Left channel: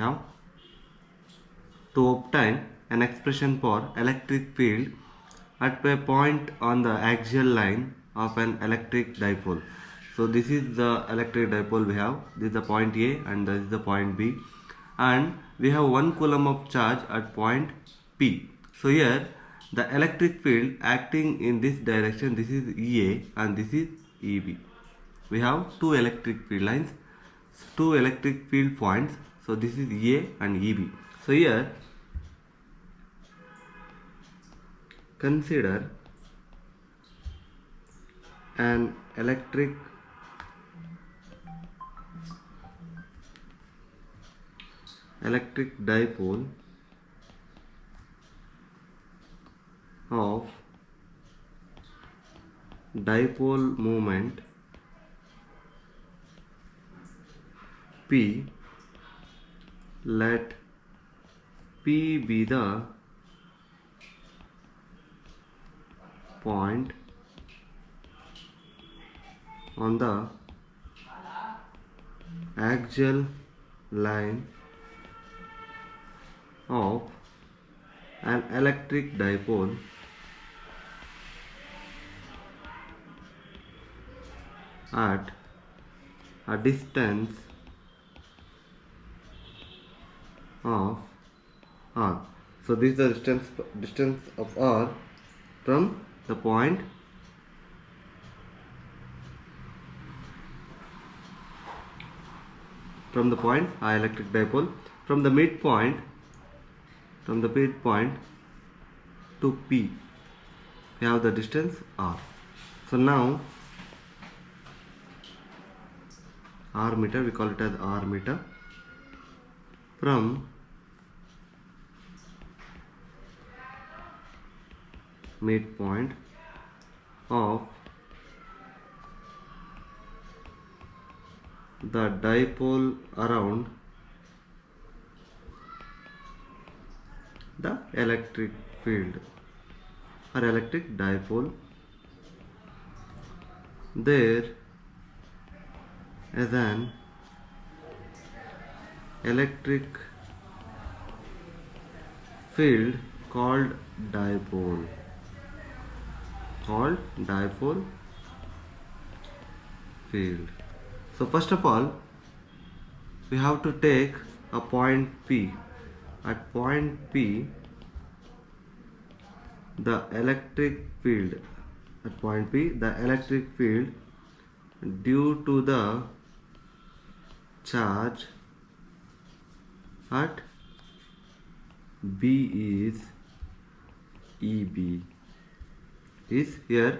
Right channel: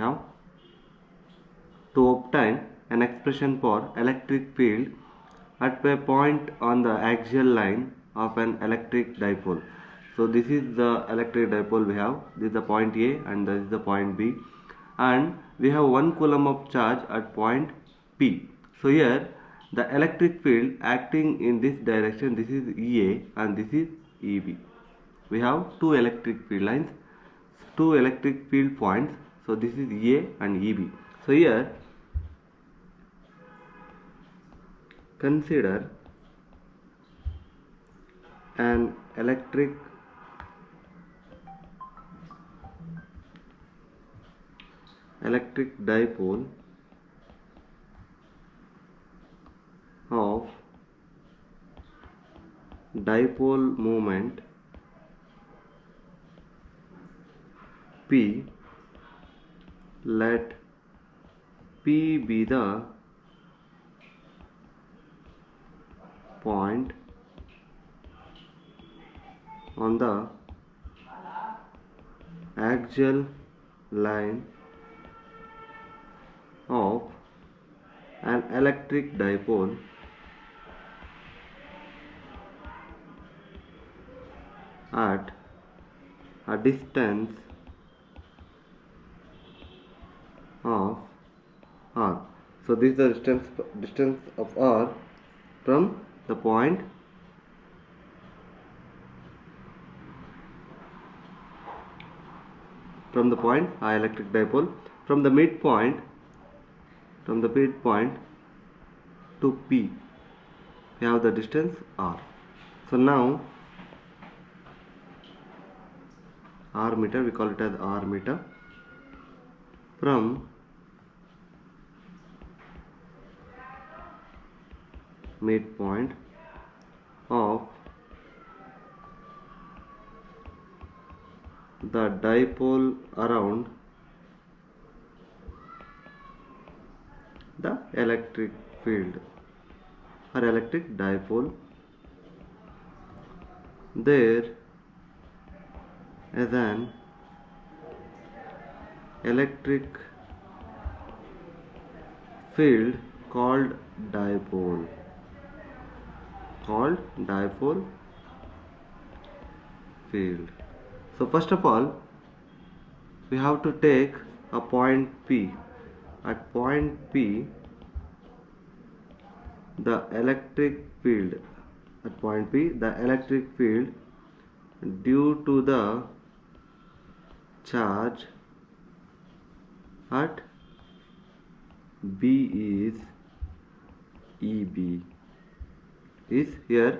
Now, to obtain an expression for electric field at a point on the axial line of an electric dipole. So this is the electric dipole we have. This is the point A and this is the point B, and we have 1 coulomb of charge at point P. So here the electric field acting in this direction, this is EA and this is EB. We have two electric field lines, two electric field points. So this is EA and EB. So here consider an electric dipole of dipole moment P. Let P be the point on the axial line of an electric dipole at a distance of r. So this is the distance of r from the point electric dipole from the midpoint to P. We have the distance r. So now r meter, we call it as r meter, from midpoint of the dipole around the electric field or electric dipole, there is an electric field called dipole field. So first of all, we have to take a point P. At point P, the electric field due to the charge at B is EB. Is here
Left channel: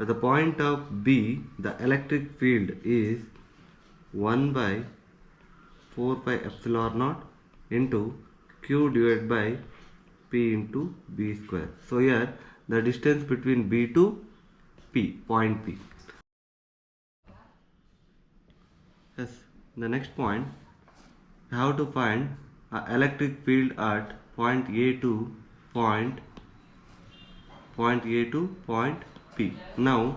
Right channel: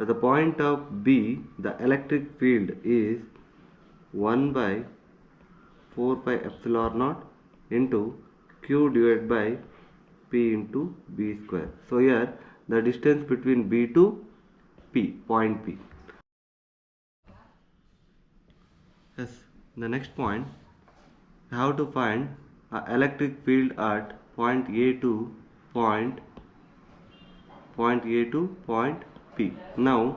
at the point of B, the electric field is 1 by 4 pi epsilon naught into Q divided by P into B square. So here the distance between B to P, point P. Yes, the next point, I have to find an electric field at point A to point P. Now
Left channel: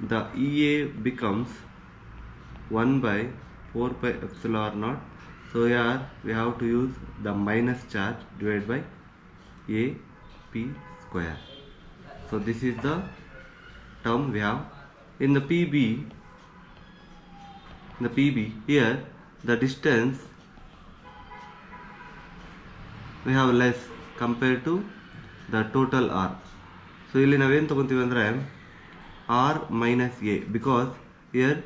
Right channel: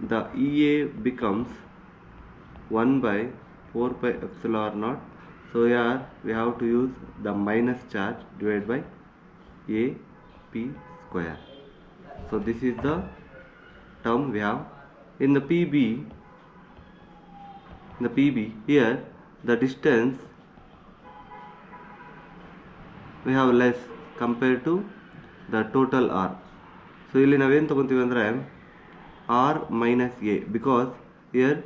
the EA becomes 1 by 4 pi epsilon naught. So here we have to use the minus charge divided by AP square. So this is the term we have. In the PB, here the distance we have less compared to the total R. So ಇಲ್ಲಿ ನಾವೇನು ತಗೊಂತೀವಿ ಅಂದರೆ R minus A, because here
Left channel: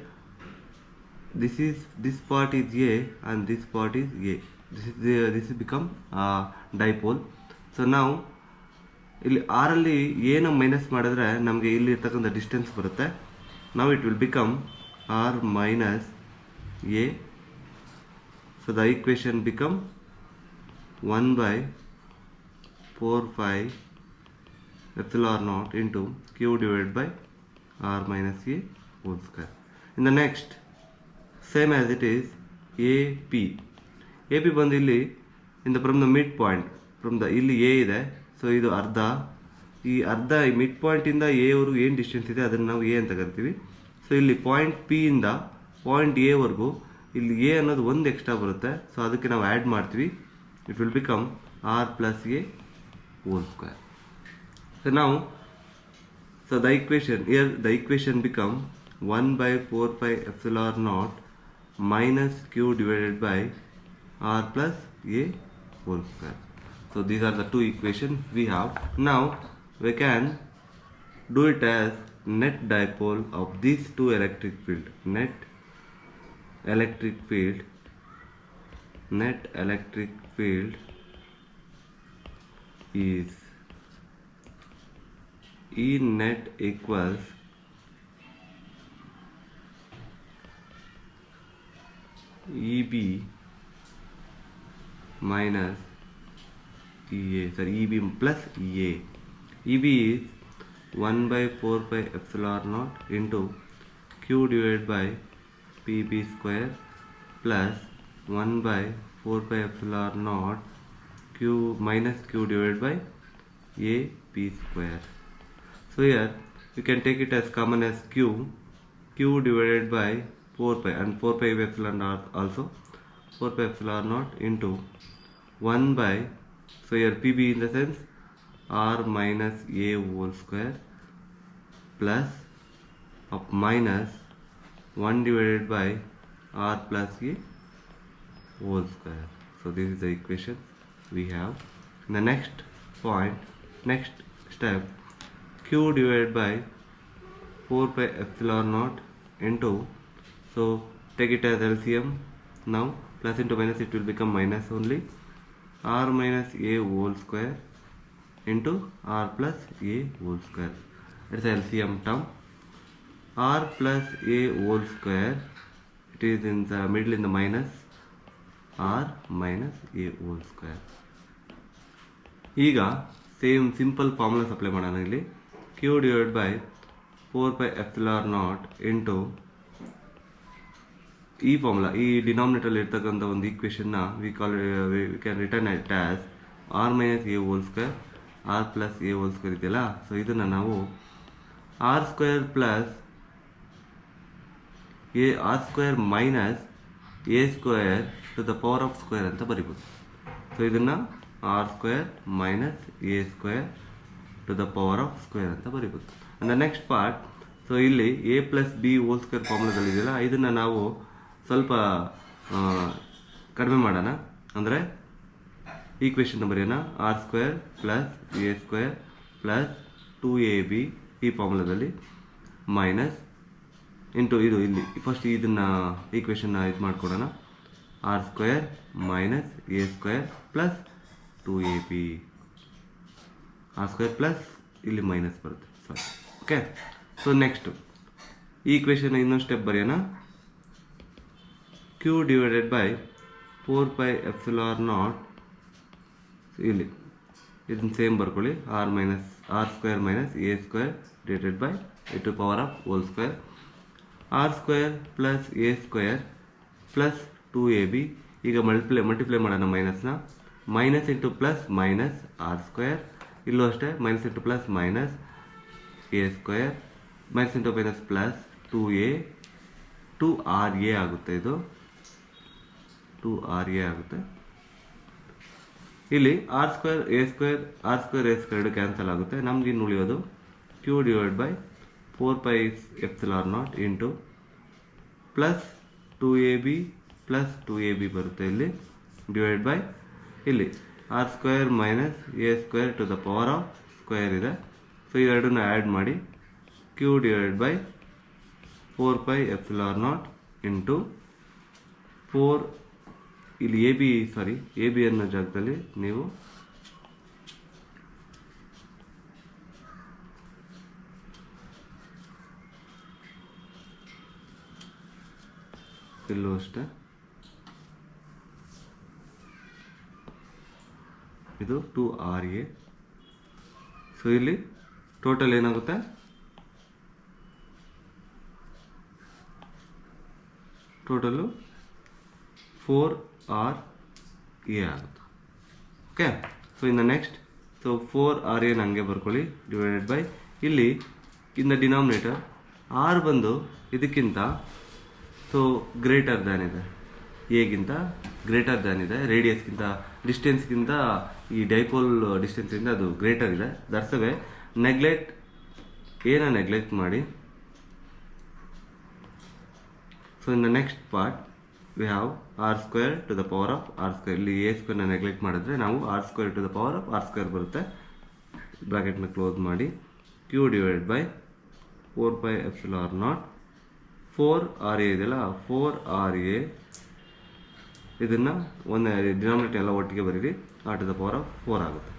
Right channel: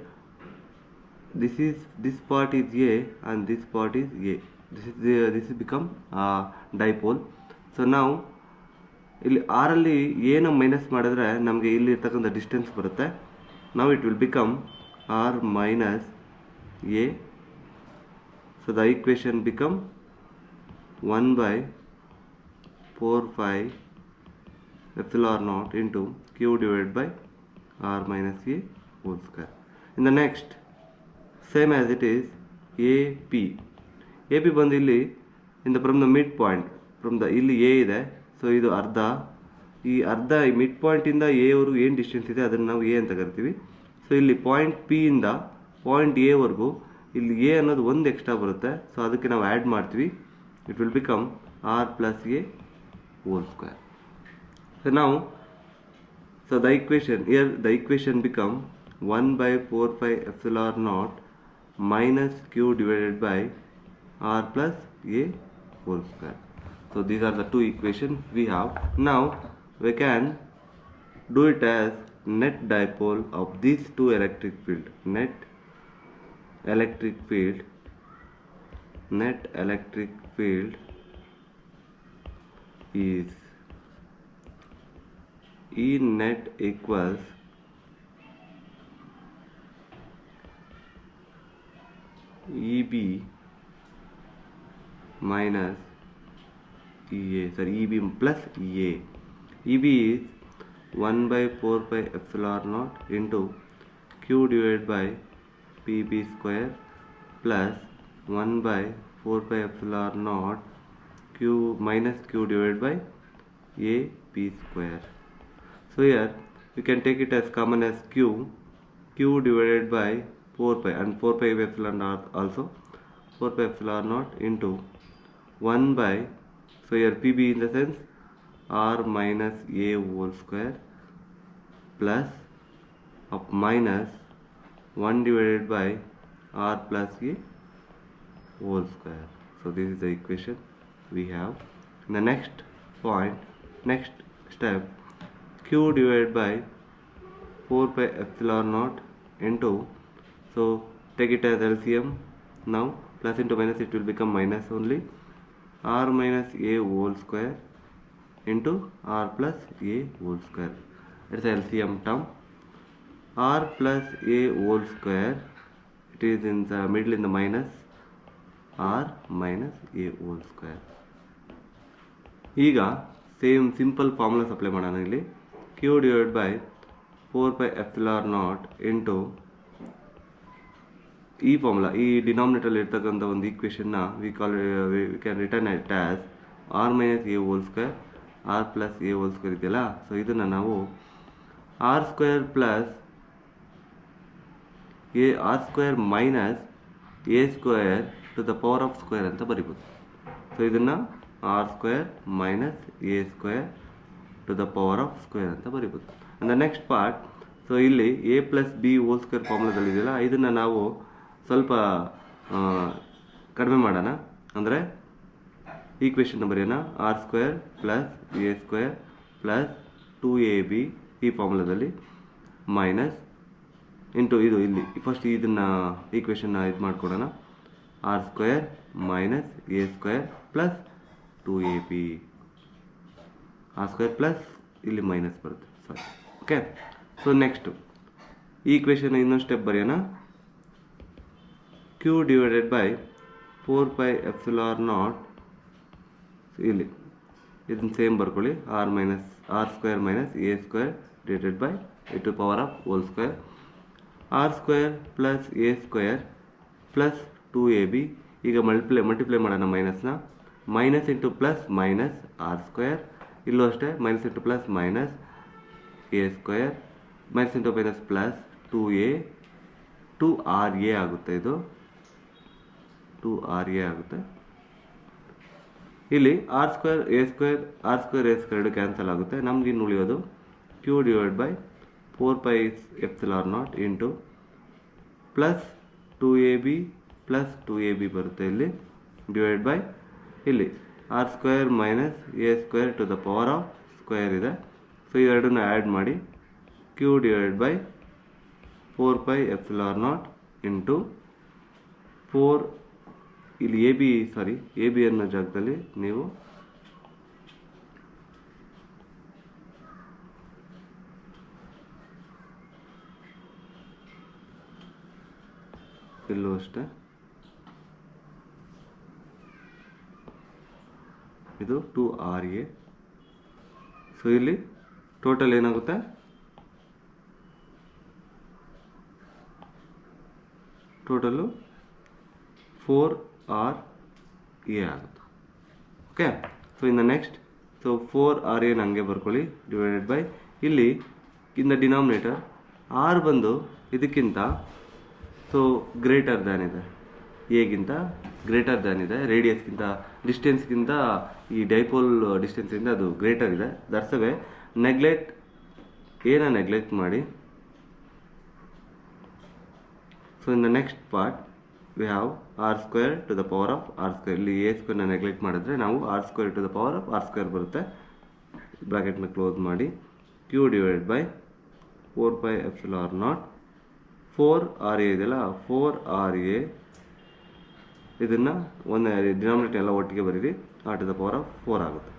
this part is A and this part is A. This is become dipole. So now ಇಲ್ಲಿ R ಅಲ್ಲಿ A ನ ಮೈನಸ್ ಮಾಡಿದ್ರೆ ನಮಗೆ ಇಲ್ಲಿ ಇರ್ತಕ್ಕಂಥ ಡಿಸ್ಟೆನ್ಸ್ ಬರುತ್ತೆ. Now it will become R minus A. So the equation become 1 by 4 pi epsilon naught into Q divided by R minus A whole square. In the next, same as it is, AP ಬಂದು ಇಲ್ಲಿ from the midpoint, ಇಲ್ಲಿ A ಇದೆ, ಸೊ ಇದು ಅರ್ಧ, ಈ mid point ಇಂದ ಎ ವರೆಗೂ ಏನು ಡಿಸ್ಟೆನ್ಸ್ ಇದೆ ಅದನ್ನು ನಾವು ಎ ಅಂತ ಕರಿತೀವಿ. ಸೊ ಇಲ್ಲಿ ಪಾಯಿಂಟ್ ಪಿ ಇಂದ ಪಾಯಿಂಟ್ ಎ ವರೆಗೂ ಇಲ್ಲಿ ಎ ಅನ್ನೋದು ಒಂದು ಎಕ್ಸ್ಟ್ರಾ ಬರುತ್ತೆ, ಸೊ ಅದಕ್ಕೆ ನಾವು ಆ್ಯಡ್ ಮಾಡ್ತೀವಿ. It will become R plus A whole square. So ನಾವು the equation become 1/4πε0 minus q divided by r plus a whole square. So these are the two equations we have. Now we can do it as net dipole of these two electric field. Net electric field is E net equals EB minus EA, sorry, EB plus EA. EB is 1/4πε0 into Q divided by PB square plus 1/4πε0 Q minus Q divided by AP square. So here you can take it as common as Q divided by 4pi, and 4pi epsilon naught also, 4pi epsilon naught into 1 by, so here PB in the sense R minus A whole square plus of minus 1 divided by R plus A whole square. So this is the equation we have. In the next step, Q divided by 4pi epsilon naught into, so take it as LCM. Now plus into minus, it will become minus only, R minus A whole square into R plus A whole square. It's LCM term. R plus A whole square, it is in the middle in the minus, R minus A whole square. ಈಗ same simple formulas apply ಮಾಡೋಣ. ಇಲ್ಲಿ Q divided by 4pi epsilon naught into ಈ formula, ಈ denominator ಇರ್ತಕ್ಕಂಥ ಒಂದು ಈಕ್ವೇಷನ್ನ we can return it as R minus A whole square, R plus A whole square ಇದೆಯಲ್ಲ, so ಇದನ್ನು ನಾವು R square plus R square minus A square to the power of square ಅಂತ ಬರಿಬೋದು. So ಇದನ್ನು R square minus A square to the power of square ಅಂತ ಬರಿಬೋದು. And the next part, so ಇಲ್ಲಿ A plus B whole square ಫಾರ್ಮುಲಾದಲ್ಲಿದೆಯಲ್ಲ, ಇದನ್ನು ನಾವು ಸ್ವಲ್ಪ ಕಡಿಮೆ ಮಾಡೋಣ. ಅಂದರೆ ಈಕ್ವೇಷನ್ ಬರೆಯೋಣ, R square plus A square plus 2ab ಈ ಫಾರ್ಮುಲಾದಲ್ಲಿ ಮೈನಸ್ ಇಂಟು ಇದು, ಇಲ್ಲಿ ಫಸ್ಟ್ ಇದನ್ನು ಈಕ್ವೇಷನ್ನ ಇದು ಮಾಡ್ಕೊಡೋಣ, R square minus A square plus 2ab, R square plus ಇಲ್ಲಿ ಮೈನಸ್ ಬರುತ್ತೆ, ಸಾರಿ. ಓಕೆ, ಸೊ ನೆಕ್ಸ್ಟು ಈ ಈಕ್ವೇಷನ್ ಇನ್ನೊಂದು ಸ್ಟೆಪ್ ಬರೆಯೋಣ. Q divided by 4pi epsilon naught, ಇಲ್ಲಿ ಇದನ್ನು ಸೇಮ್ ಬರ್ಕೊಳ್ಳಿ, R square minus A square divided by A to power of whole square, R square plus A square plus 2ab. ಈಗ multiply ಮಾಡೋಣ ಮೈನಸ್ನ, minus into plus minus R square, ಇಲ್ಲೂ ಅಷ್ಟೇ minus into plus minus A square, minus into minus plus 2a 2ra ಆಗುತ್ತೆ, ಇದು 2ra ಆಗುತ್ತೆ. ಇಲ್ಲಿ R square A square ಎರಡು ಕ್ಯಾನ್ಸಲ್ ಆಗುತ್ತೆ. ನಮ್ಗೆ ಇನ್ನು ಉಳಿಯೋದು Q divide by 4pi epsilon naught into plus 2ab plus 2ab ಬರುತ್ತೆ ಇಲ್ಲಿ, ಡಿವೈಡ್ ಬೈ ಇಲ್ಲಿ R square minus A square to the power of square ಇದೆ. ಸೊ ಇವೆರಡನ್ನ ಆ್ಯಡ್ ಮಾಡಿ Q divide by 4pi epsilon naught into 4, ಇಲ್ಲಿ A B ಅನ್ನೋ ಜಾಗದಲ್ಲಿ ನೀವು ಇಲ್ಲೂ ಅಷ್ಟೇ ಇದು 2ra. ಸೊ ಇಲ್ಲಿ ಟೋಟಲ್ ಏನಾಗುತ್ತೆ, ಟೋಟಲು 4ra ಆಗುತ್ತೆ. ಓಕೆ, ಸೊ ಇನ್ನು ನೆಕ್ಸ್ಟ್, ಸೊ 4ra ಹಂಗೆ ಬರ್ಕೊಳ್ಳಿ, ಡಿವೈಡೆಡ್ ಬೈ ಇಲ್ಲಿ ಇನ್ ದ ಡಿನಾಮಿನೇಟರ್ ಆರ್ ಬಂದು ಇದಕ್ಕಿಂತ ಸೊ ಗ್ರೇಟರ್ ದ್ಯಾನ್ ಇದೆ, ಎಗಿಂತ ಗ್ರೇಟರ್ ದ್ಯಾನ್ ಇದೆ, ರೇಡಿಯಸ್ಗಿಂತ ಡಿಸ್ಟೆನ್ಸ್ಗಿಂತ ಈ ಡೈಪೋಲ್ ಡಿಸ್ಟೆನ್ಸಿಂದ ಅದು ಗ್ರೇಟರ್ ಇದೆ. ದರ್ಸವೇ ನೆಗ್ಲೆಕ್ಟ್ ಏನ ನೆಗ್ಲೆಕ್ಟ್ ಮಾಡಿ. So in the next part we have R square to the power of R square. ಇಲ್ಲಿ ಎ ಸ್ಕ್ವೇರ್ನ ನೆಗ್ಲೆಕ್ಟ್ ಮಾಡಿದ್ರೆ ನಾವು R square to the power of R square ಬರುತ್ತೆ. ಬ್ರಾಕೆಟ್ನ ಕ್ಲೋಸ್ ಮಾಡಿ. ಕ್ಯೂ ಡಿವೈಡೆಡ್ ಬೈ 4πε0 4RA ಇದೆಯಲ್ಲ, 4RA ಇದನ್ನು ಒಂದು ಡಿನಾಮಿನೇಟರ್ ಎಲ್ಲ ಒಟ್ಟಿಗೆ ಬರೀರಿ. R to the power of 4 ಆಗುತ್ತೆ.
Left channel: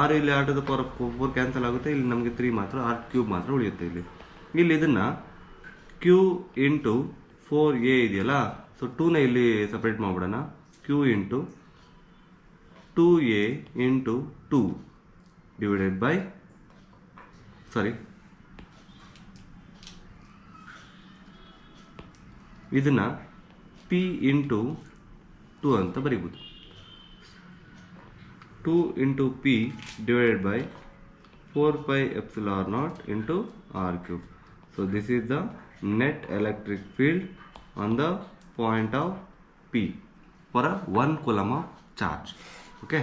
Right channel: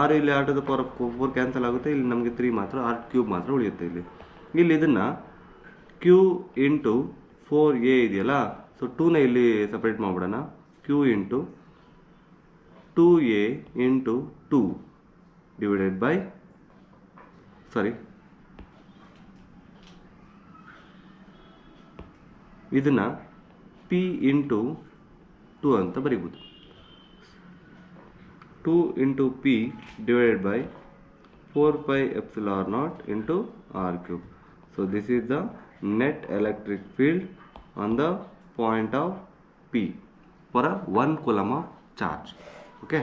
ಆರ್ ಇಲ್ಲಿ R to the power of 4 cancel ಆಗುತ್ತೆ. ಇಲ್ಲಿ ನಮಗೆ 3 ಮಾತ್ರ, ಆರ್ ಕ್ಯೂಬ್ ಮಾತ್ರ ಉಳಿಯುತ್ತೆ. ಇಲ್ಲಿ ಇದನ್ನು ಕ್ಯೂ ಇಂಟು 4A ಇದೆಯಲ್ಲ, ಸೊ 2ನ ಇಲ್ಲಿ ಸಪ್ರೇಟ್ ಮಾಡಿಬಿಡೋಣ. Q into 2A into 2 divided by ಇದನ್ನು P ಇಂಟು 2 ಅಂತ ಬರೀಬೋದು. 2 into P divided by 4πε0 into R cube. So this is the net electric field on the point of P for 1 coulomb of charge. Okay.